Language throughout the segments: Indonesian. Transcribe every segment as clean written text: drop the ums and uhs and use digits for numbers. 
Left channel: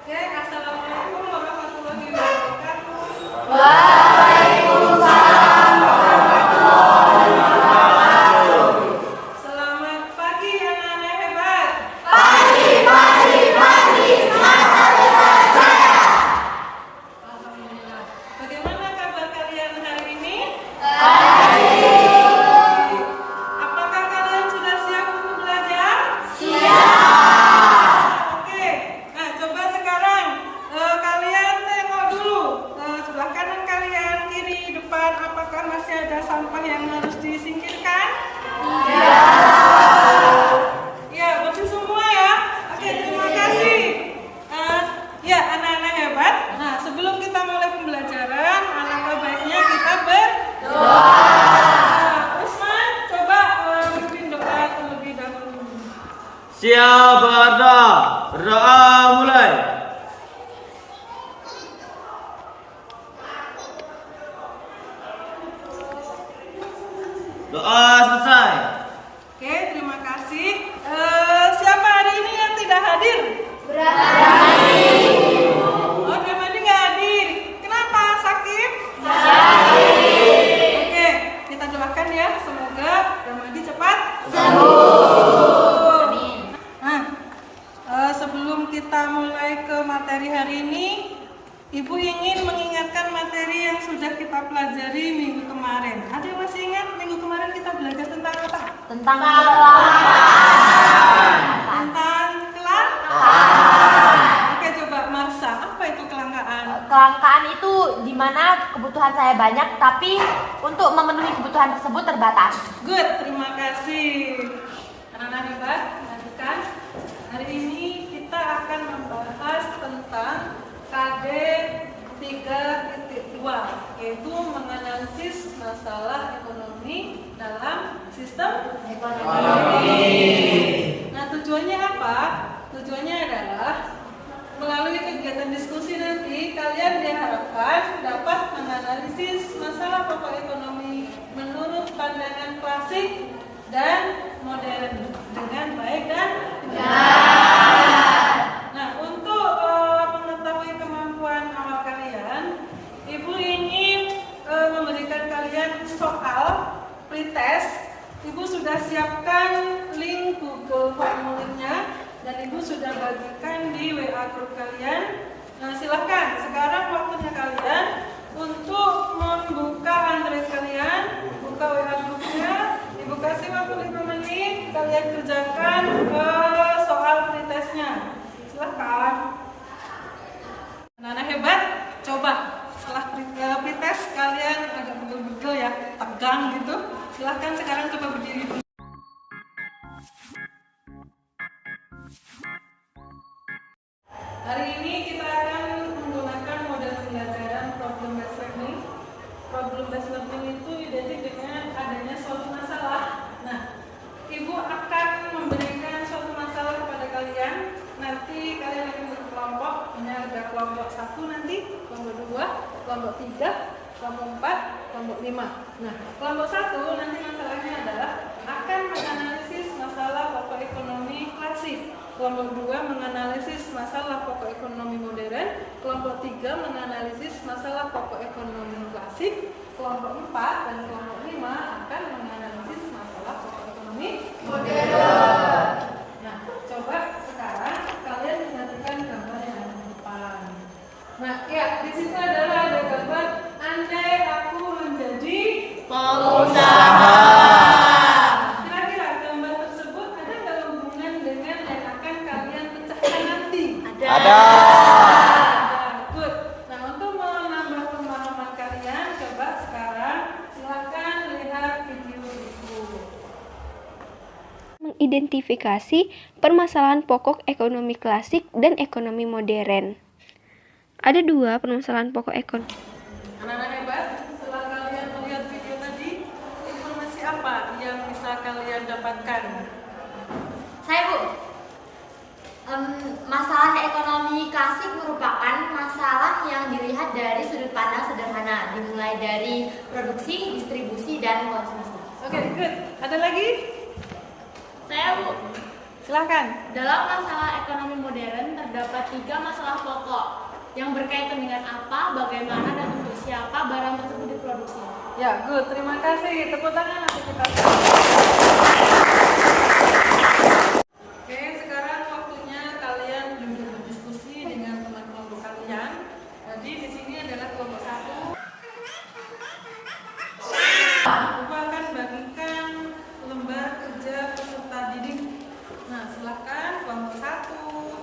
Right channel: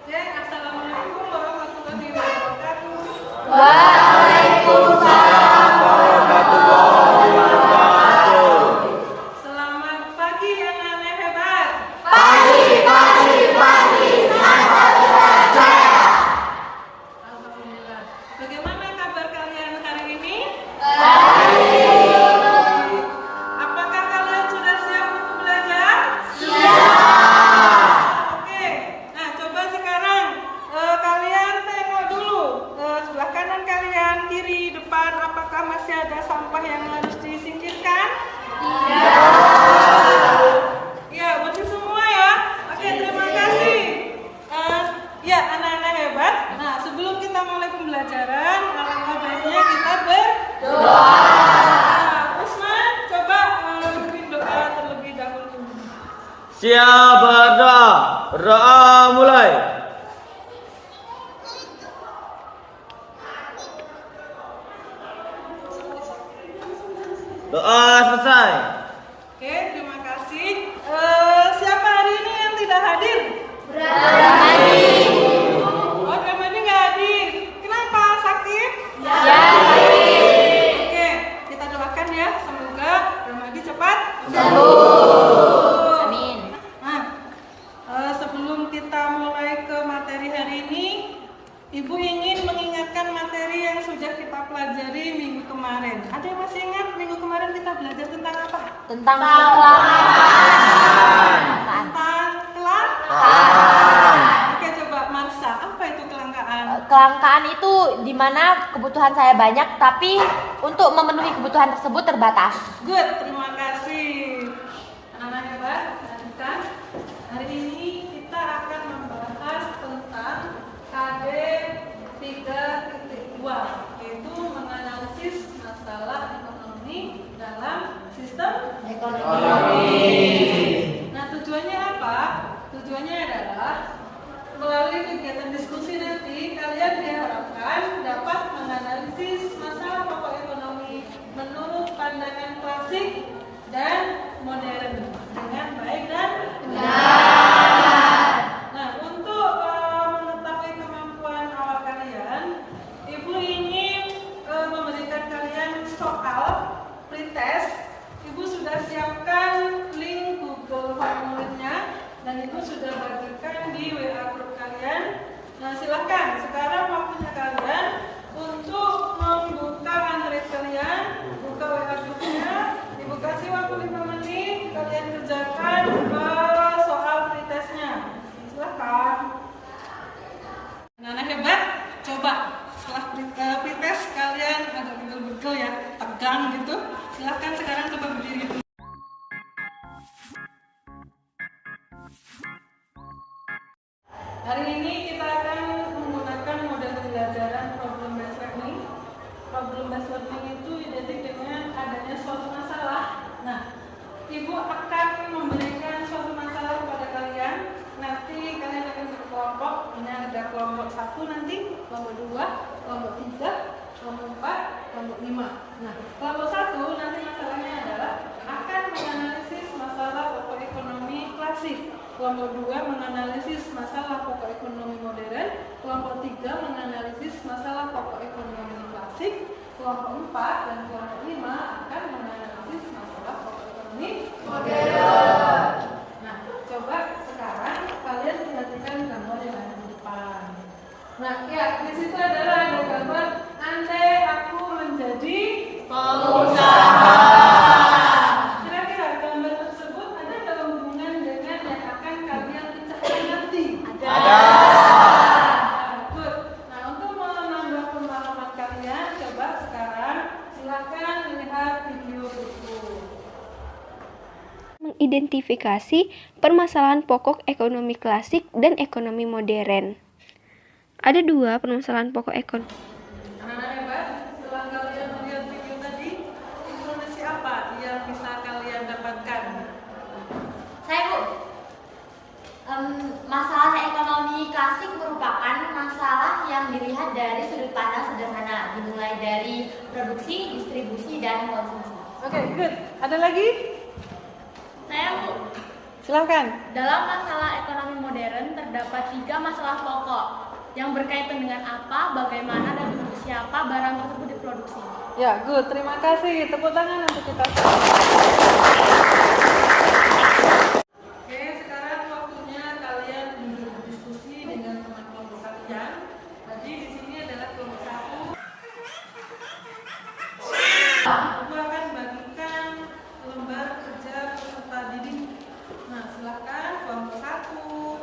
Oke, assalamualaikum warahmatullahi wabarakatuh. Selamat pagi anak-anak hebat. Alhamdulillah. Bagaimana kabar kalian hari ini? Apakah kalian sudah siap untuk belajar? Oke. Nah, coba sekarang kalian tengok dulu sebelah kanan kalian, kiri, depan. Apakah masih ada sampah yang harus disingkirkan? Ya, bersih semua ya. Oke, terima kasih. Ya, anak-anak hebat. Nah, sebelum kita mulai pembelajaran, alangkah baiknya kita berdoa. Nah, Usman, coba pimpin doa terlebih dahulu. Siap berdoa. Berdoa mulai. Doa selesai. Oke, terima kasih. Siapa hari ini yang tidak hadir? Oh, Ramadi nggak hadir. Kenapa? Sakit? Oke, kita doakan ya. Semoga Ramadi cepat sembuh. Nah, sebelum kita mulai ke materi hari ini, Ibu ingin mengingatkan materi yang sudah kita pelajari minggu kemarin. Ada yang masih ingat minggu kemarin kita belajar tentang apa? Tentang Tentang Oke, coba Marsa, apa itu kelangkaan? kelangkaan itu di mana kebutuhan saya banyak tapi untuk memenuhi kebutuhan tersebut terbatas. Good, terima kasih. Anak-anak hebat, lanjutkan. Hari ini kita akan membahas tentang KD 3.2, yaitu menganalisis masalah ekonomi dalam sistem ekonomi. Nah, tujuannya apa? Tujuannya adalah melalui kegiatan diskusi nanti kalian diharapkan dapat menganalisis masalah pokok ekonomi menurut pandangan klasik dan modern dengan baik dan benar. Nah, untuk mengetahui kemampuan awal kalian, Ibu ingin memberikan kalian soal pretest. Ibu sudah siapkan link Google formulirnya dan Ibu sudah bagikan di WA grup kalian. Nah, silakan sekarang waktunya kalian untuk membuka Android kalian, buka WA grupnya. Ibu kasih waktu 5 menit, kalian kerjakan soal pretestnya. Silakan. Anak-anak hebat, coba setelah pretest kalian agak begel-begel ya, tegang gitu. Silakan sekarang coba berdiri dulu. Hari ini kita akan menggunakan model pembelajaran problem based learning. Problem based learning itu identik dengan adanya suatu masalah. Nah, Ibu akan memberikan suatu masalah kepada kalian. Nanti kalian akan berkelompok. Ini ada kelompok 1 nanti, kelompok 2, kelompok 3, kelompok 4, kelompok 5. Nah, kelompok 1 nanti masalahnya adalah akan menganalisis masalah pokok ekonomi klasik. Kelompok 2 menganalisis masalah pokok ekonomi modern. Kelompok 3 menganalisis masalah pokok ekonomi klasik. Kelompok 4 dan kelompok 5 akan menganalisis masalah pokok ekonomi modern. Nah, coba sekarang kalian perhatikan gambar yang ada di depan. Nah, ya, di situ adalah ada gambar andai aku menjadi pengusaha. Kira-kira gambar tersebut ada nggak hubungan dengan yang akan kalian pecahkan nanti? Ada. Good. Nah, untuk menambah pemahaman kalian, coba sekarang silakan lihat video berikut. Mengidentifikasi permasalahan pokok ekonomi klasik dan ekonomi modern. Ada 2 permasalahan pokok ekonomi. Anak-anak hebat, setelah kalian melihat video tadi, informasi apa yang bisa kalian dapatkan? Saya Bu, masalah ekonomi klasik merupakan masalah yang dilihat dari sudut pandang sederhana, dimulai dari produksi, distribusi, dan konsumsi. Oke, good. Ada lagi? Saya Bu, Silakan. Dalam masalah ekonomi modern terdapat 3 masalah pokok yang berkaitan dengan apa, bagaimana, dan untuk siapa barang tersebut diproduksi. Ya, good. Terima kasih. Tepuk tangan untuk kita. Oke, sekarang waktunya kalian duduk berdiskusi dengan teman kelompok kalian. Jadi di sini adalah kelompok 1. Aku akan bagikan lembar kerja peserta didik. Nah, silakan kelompok 1,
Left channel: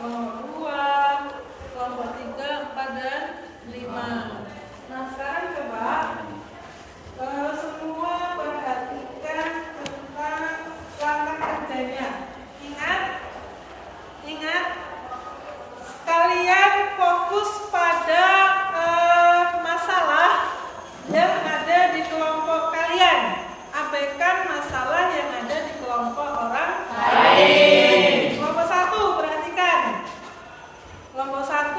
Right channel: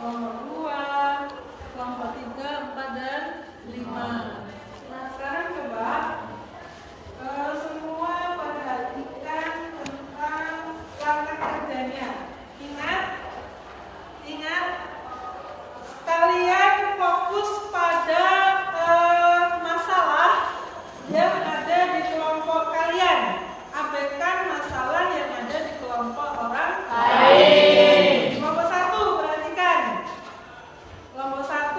kelompok 2, kelompok 3, 4, dan 5. Nah, sekarang coba semua perhatikan tentang cara kerjanya. Ingat, kalian fokus pada masalah yang ada di kelompok kalian. Abaikan masalah yang ada di kelompok orang lain. Kelompok 1, perhatikan. Kelompok 1,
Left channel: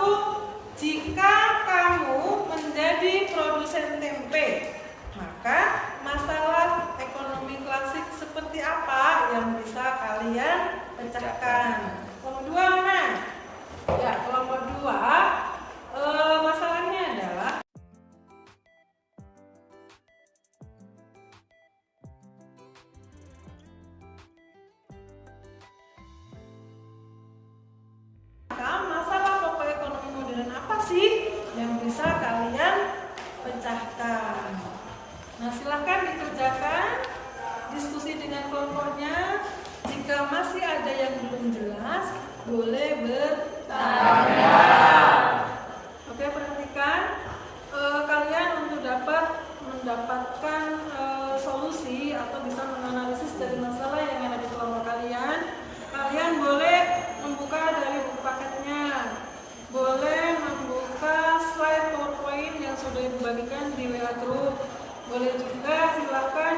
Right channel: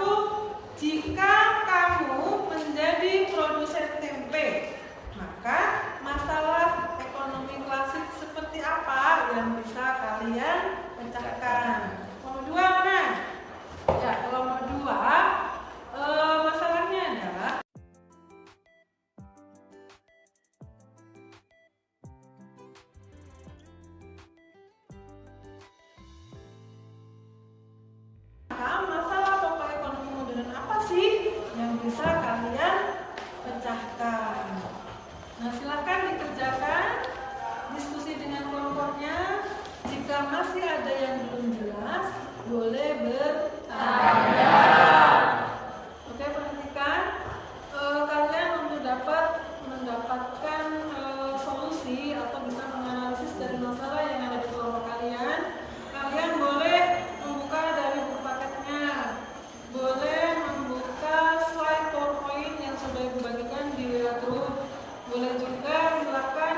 jika kamu menjadi produsen tempe, maka masalah ekonomi klasik seperti apa yang bisa kalian pecahkan? Kelompok 2 mana? Ya, kelompok 2 masalahnya adalah masalah pokok ekonomi modern apa sih yang bisa kalian pecahkan? Nah, silahkan dikerjakan diskusi dengan kelompoknya. Jika masih ada yang belum jelas, boleh bertanya. Oke, perhatikan kalian untuk mendapatkan solusi atau bisa menganalisis dari masalah yang ada di kelompok kalian. Kalian boleh membuka dari buku paketnya, boleh membuka slide PowerPoint yang sudah dibagikan di WA Group, boleh juga silakan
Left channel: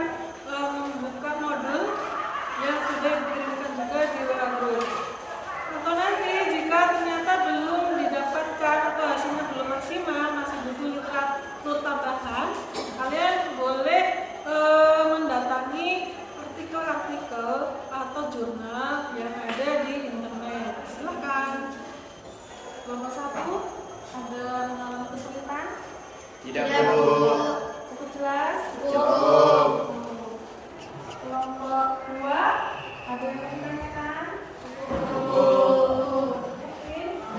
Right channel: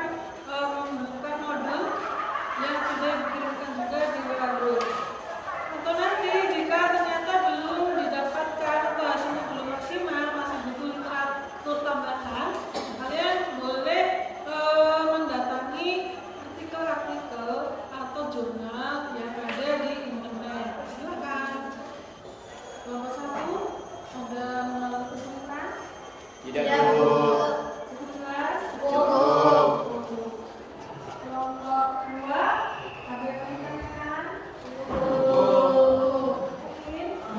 membuka model yang sudah dikirimkan juga di WA Group. Atau nanti jika ternyata belum didapatkan atau hasilnya belum maksimal, masih butuh literatur tambahan, kalian boleh mendatangi artikel-artikel atau jurnal yang ada di internet. Silakan. Kelompok 1 ada mengalami kesulitan? Tidak, Bu. Cukup jelas? Cukup. Kelompok 2 ada yang ditanyakan?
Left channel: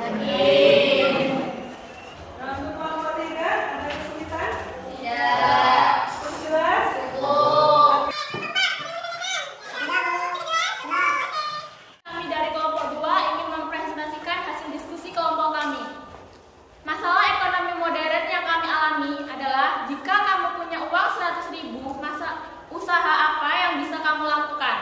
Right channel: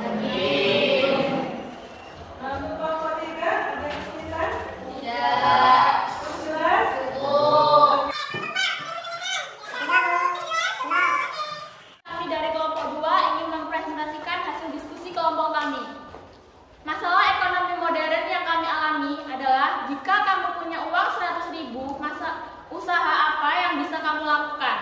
Yakin? Nah, untuk kelompok 3 ada kesulitan? Cukup jelas? Kami dari kelompok 2 ingin mempresentasikan hasil diskusi kelompok kami. Masalah ekonomi modern yang kami alami adalah jika kamu punya uang 100.000, usaha apa yang bisa kamu lakukan?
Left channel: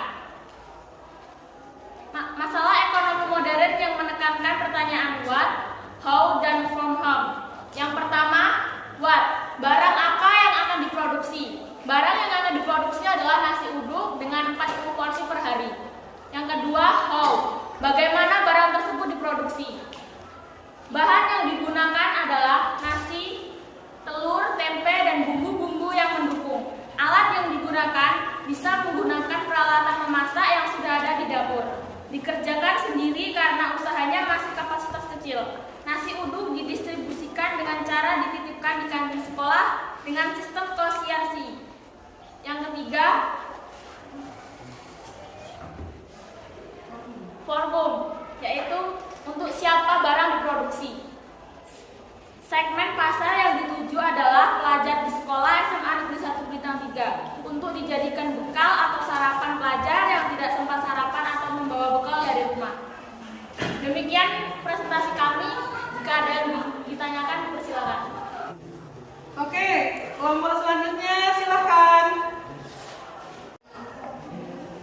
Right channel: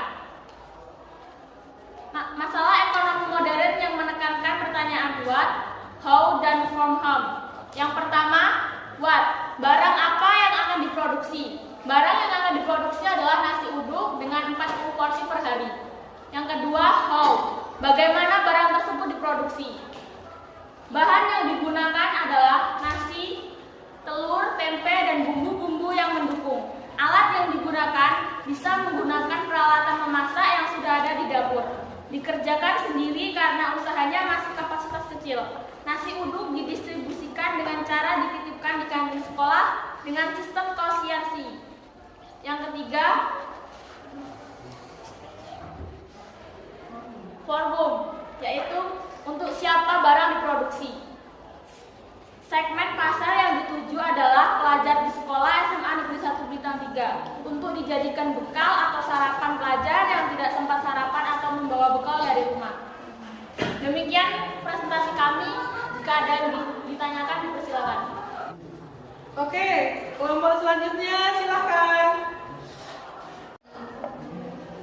Masalah ekonomi modern yang menekankan pertanyaan what, how, dan from whom. Yang pertama, what? Barang apa yang akan diproduksi? Barang yang akan diproduksi adalah nasi uduk dengan 40 porsi per hari. Yang kedua, how? Bagaimana barang tersebut diproduksi? Bahan yang digunakan adalah nasi, telur, tempe, dan bumbu-bumbu yang mendukung. Alat yang digunakan bisa menggunakan peralatan memasak yang sudah ada di dapur. Dikerjakan sendiri karena usahanya masih kapasitas kecil. Nasi uduk didistribusikan dengan cara dititipkan di kantin sekolah dengan sistem kosiansi. Yang ketiga, for whom, yaitu untuk siapa barang diproduksi. Segmen pasar yang dituju adalah pelajar di sekolah SMA Negeri 1 Bintang 3 untuk dijadikan bekal atau sarapan pelajar yang tidak sempat sarapan atau membawa bekal dari rumah. Demikian presentasi kami. Jika ada yang ditanyakan, dipersilakan. Oke, kelompok selanjutnya silahkan.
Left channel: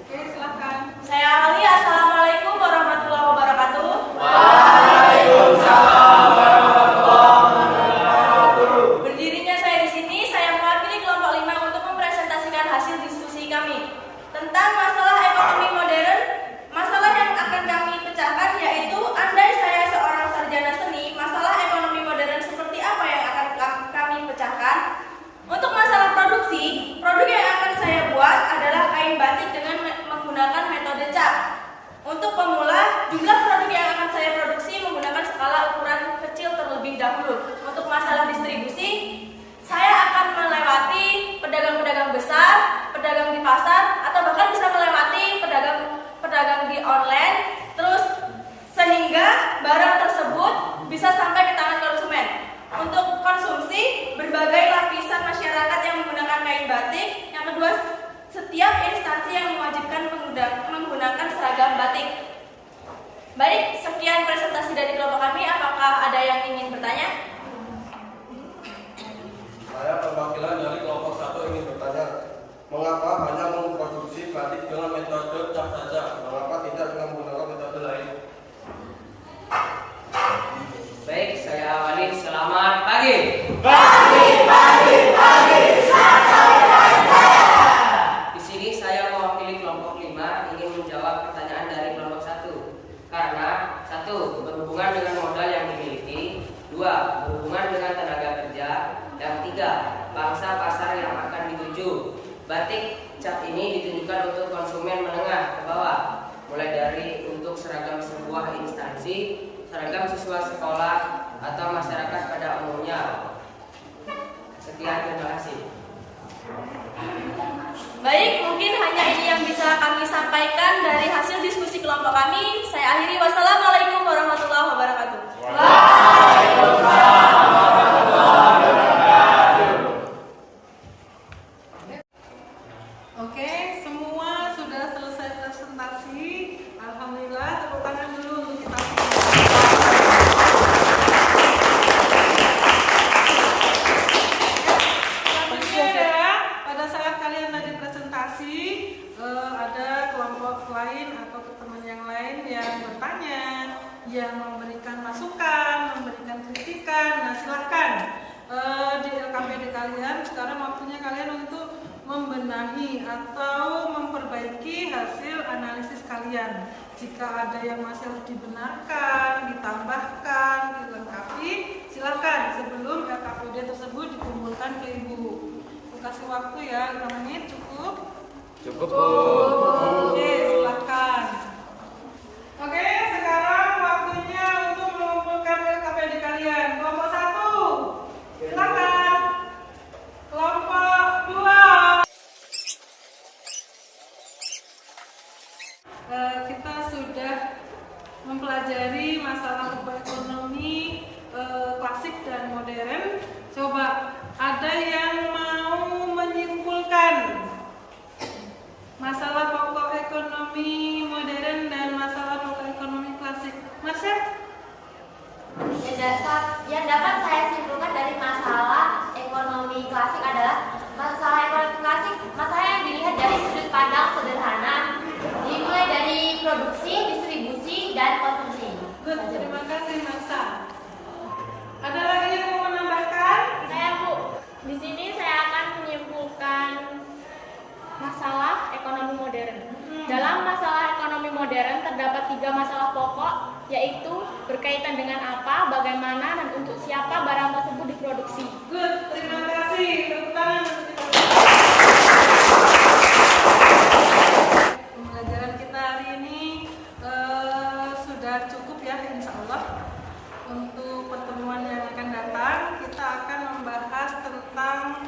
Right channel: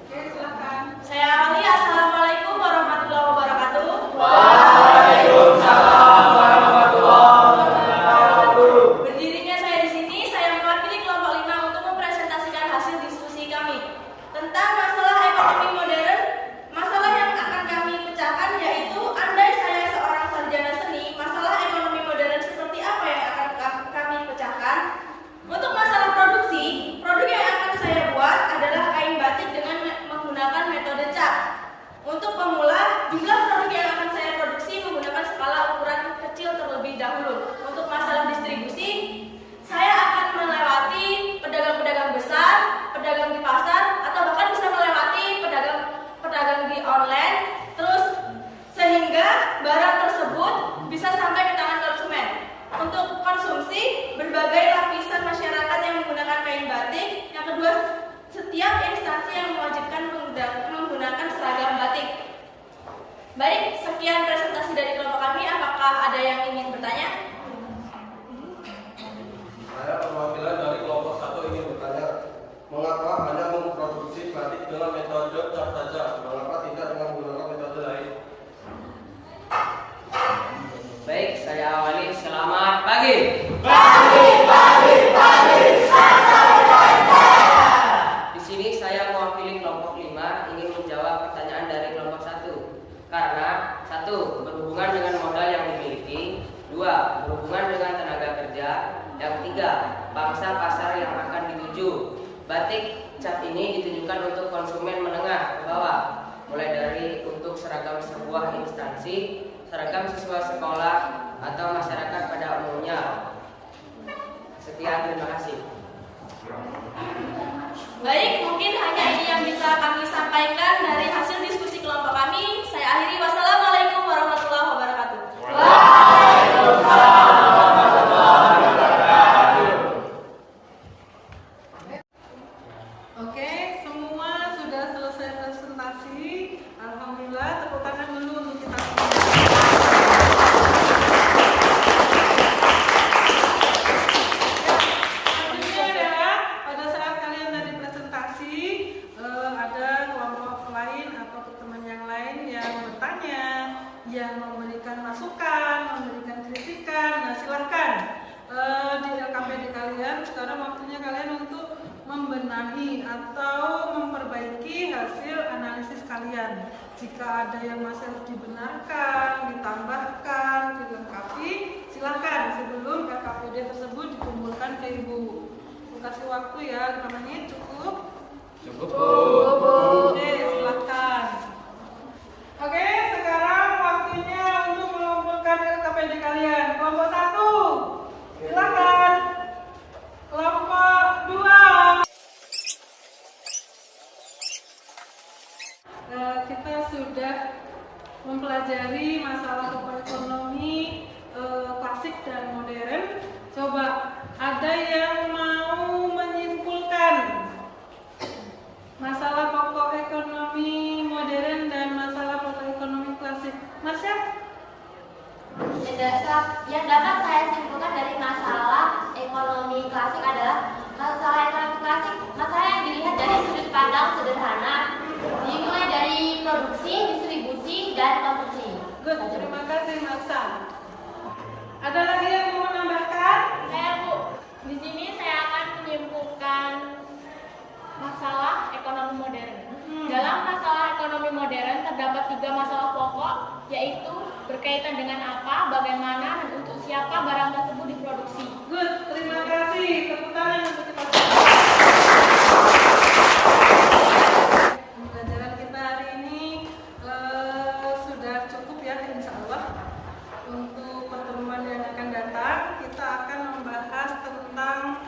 Oke, silahkan. Saya Ali, assalamualaikum warahmatullahi wabarakatuh. Berdirinya saya di sini, saya mewakili kelompok 5 untuk mempresentasikan hasil diskusi kami tentang masalah ekonomi modern. Masalah yang akan kami pecahkan yaitu andai saya seorang sarjana seni, masalah ekonomi modern seperti apa yang akan kami pecahkan? Untuk masalah produksi, produk yang akan saya buat adalah kain batik dengan menggunakan metode cat. dahulu. Untuk masalah distribusi, saya akan melewati pedagang-pedagang besar, pedagang di pasar, atau bahkan bisa melewati pedagang di online, terus sehingga barang tersebut bisa sampai ke tangan konsumen. Untuk konsumsi, berbagai lapisan masyarakat yang menggunakan kain batik. Yang kedua, setiap instansi yang mewajibkan menggunakan seragam batik. Baik, sekian presentasi dari kelompok kami. Apakah ada yang ingin bertanya? Saya perwakilan dari kelompok 1 ingin bertanya, mengapa hanya memproduksi batik dengan metode cap saja? Mengapa tidak dengan menggunakan metode lain? Baik, saya awali. Selamat pagi. Di sini saya mewakili kelompok 5 ingin menjawab pertanyaan dari kelompok 1. Karena 1. Berhubungan dengan modal yang dimiliki. 2. Berhubungan dengan tenaga kerja. Yang 3. Pangsa pasar yang akan dituju. Batik cap ini ditujukan untuk konsumen menengah ke bawah, mulai dari untuk seragam sebuah instansi, seragam siswa sekolah, atau masyarakat pada umumnya. Sekian, terima kasih. Baik, mungkin hanya ini yang bisa kami sampaikan dari hasil diskusi kelompok kami. Saya akhiri. Wassalamualaikum warahmatullahi wabarakatuh. Oke, semua sudah selesai presentasi. Alhamdulillah, tepuk tangan dulu untuk kita semua. Ya, selanjutnya adalah pada saat kalian tadi presentasi, ada kelompok lain atau teman yang lain yang bertanya, yang memberikan masukan, memberikan kritikan. Nah, silahkan di LKPD kalian. Sekarang waktunya kalian untuk membenahi atau memperbaiki hasil analisis kalian. Jika ada yang masih harus dibenarkan, ditambahkan, dilengkapi, silakan sebelum LKPD tersebut dikumpulkan ke Ibu. Aku kasih waktu ya, 5 menit cukup? Cukup. Oke, silakan. Oke, sekarang waktunya untuk mengumpulkan LKPD kalian. Kelompok 1, silakan. Kelompok 2. Kita sudah mempelajari masalah pokok ekonomi klasik dan modern. Coba ada yang mau menyimpulkan masalah pokok ekonomi modern dan masalah pokok ekonomi klasik? Marsha? Yang dapat saya simpulkan dari masalah ekonomi klasik adalah masalah ekonomi klasik, masalah yang dilihat dari sudut pandang sederhana, dimulai dari produksi, distribusi, dan konsumsi. Good, terima kasih Marsha. Ada lagi yang mau menambahkan? Saya Bu, di sini saya akan menyimpulkan masalah ekonomi modern. Dalam masalah ekonomi modern terdapat 3 masalah pokok, yaitu berkaitan dengan apa, bagaimana, dan untuk siapa barang tersebut diproduksi. Good, terima kasih. Tepuk tangan untuk kita semua. Pembelajaran kita hari ini sudah cukup ya, insya Allah. Untuk pertemuan yang akan datang, kita akan membahas tentang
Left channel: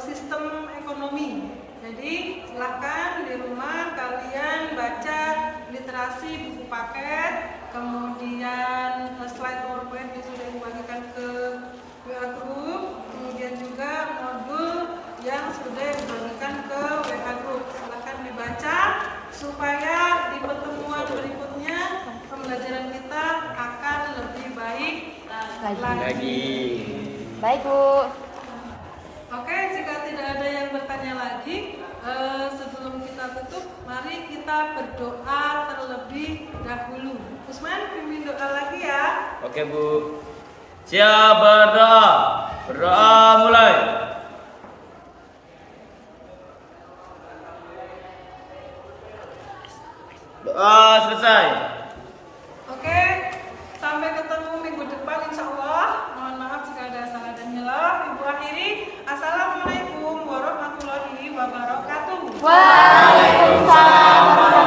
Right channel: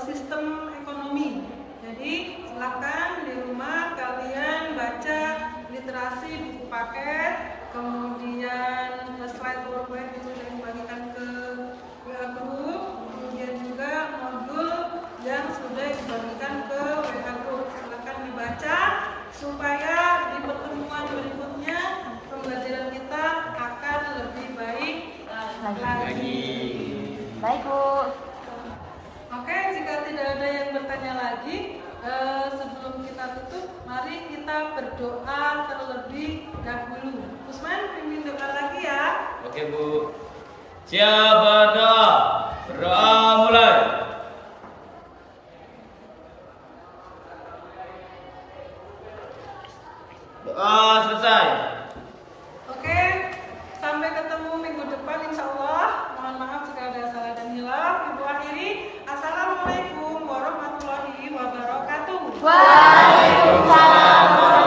sistem ekonomi. Jadi silahkan di rumah kalian baca literasi buku paket, kemudian slide PowerPoint yang sudah dibagikan ke WA Group, kemudian juga modul yang sudah dibagikan ke WA Group. Silahkan dibaca supaya di pertemuan berikutnya pembelajaran kita akan lebih baik lagi. Baik Bu. Oke, jika tidak ada yang bertanya lagi, sebelum kita tutup, mari kita berdoa terlebih dahulu. Usman, pimpin doa lagi ya. Oke Bu. Siap berdoa. Berdoa mulai. Doa selesai. Oke, sampai ketemu minggu depan insya Allah. Mohon maaf jika ada salah dan hilaf. Ibu akhiri, Assalamualaikum warahmatullahi wabarakatuh. Waalaikumsalam.